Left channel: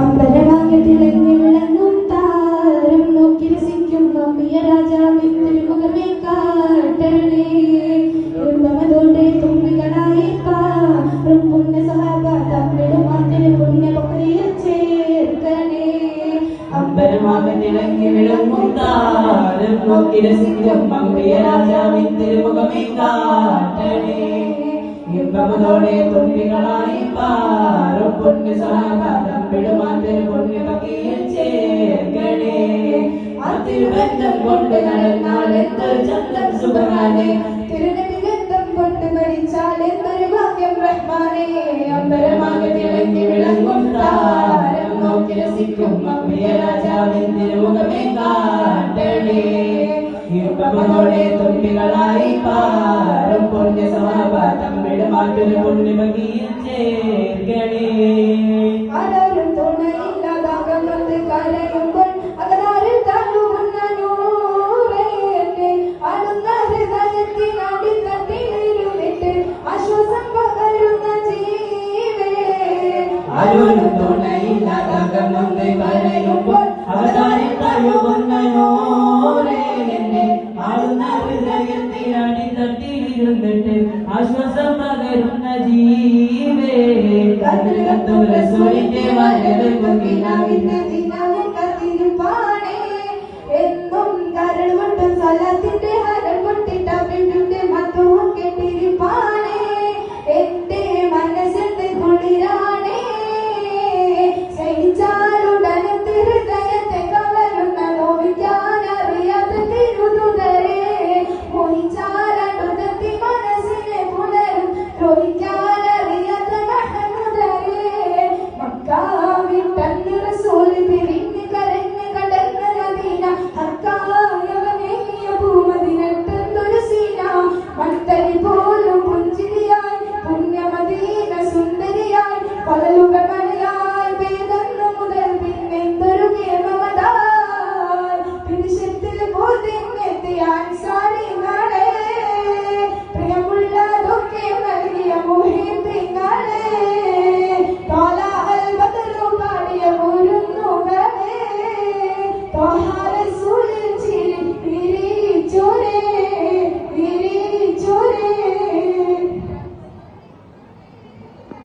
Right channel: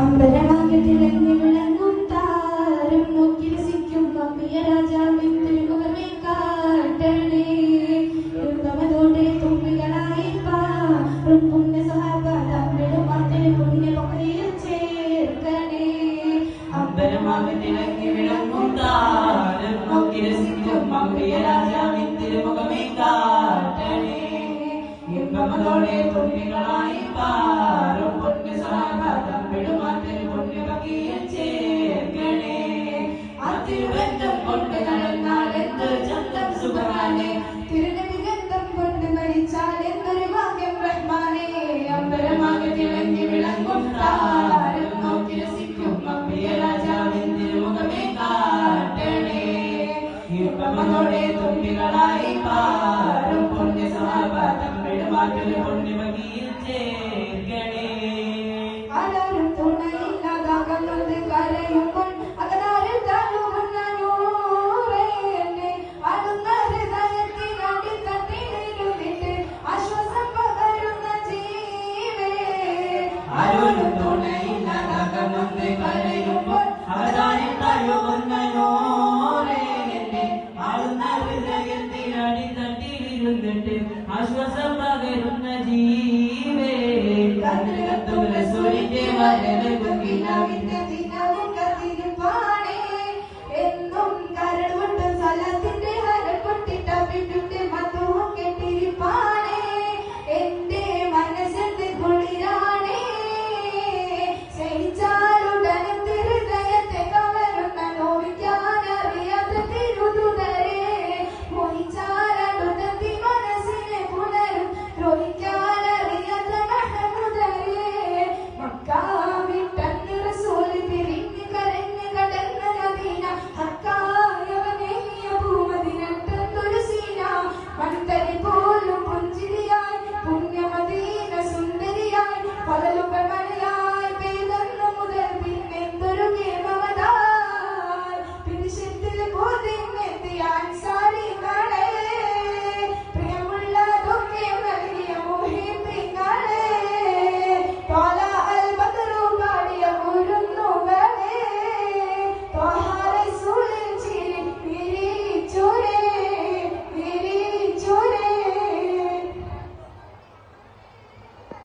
അമ്പലമാകെ തിളങ്ങി വിളങ്ങും താരം നോക്കി രസിക്കും അമ്മിയ രാജാവിൻ തിരുമുഖമേ കാട്ടണേ കുടുംബമതോടെ തുമ്പികളായി പാറും പുണ്യ സഹാബ തമ്മിലും അതിന് പുണ്യ പക്രിയിൽ ചേർക്കണേ അമ്പലമാകെ തിളങ്ങി വിളങ്ങും താരം നോക്കി രസിക്കും അമ്മിയ രാജാവിൻ തിരുമുഖമേ കാട്ടണേ ഇമ്പമതോടെ തുമ്പികളായി പാറും പുണ്യ സഹാബ തമ്മിടുമാതിൽ പുണ്യ പകിയിൽ ചേർക്കണേ അതിരുബന്ധം കൊണ്ട് നടന്നാൽ എന്തൊരു ചന്തം സുഖമാനേ തിരുനബിഗന്ധം കൊണ്ട് മരിച്ചാൽ എന്തൊരു ഭാഗ്യം റഹ്മാനേ അമ്പലമാകെ തിളങ്ങി വിളങ്ങും താരം നോക്കി രസിക്കും അമ്മിയ രാജാവിൻ തിരുമുഖമേ കാട്ടണേ ഇമ്പമതോടെ തുമ്പികളായി പാറും പുണ്യ സഹാബ തമ്മിടുമാതിൽ പുണ്യ പകിയിൽ ചേർക്കണേ ആരാരും തുണയില്ലാതാകുന്നത് കരയുമ്പോൾ അകതാരിൽ താഴുകുന്ന നൂറേ എന്റെ ആടുന്ന ഹൃദയത്തിൽ അടിത്തട്ടിലിരുന്നിട്ട് ആശ്വാസം പകരുന്ന ജീവേ ആരും തുണയില്ലാതാകുന്നത് കരയുമ്പോൾ അകതാരിൽ താഴുകുന്ന നൂറേ എന്റെ ആടുന്ന ഹൃദയത്തിൽ അടിത്തട്ടിലിരുന്നിട്ട് ആശ്വാസം പകരുന്ന ജീവേ കത്തും റസൂൽ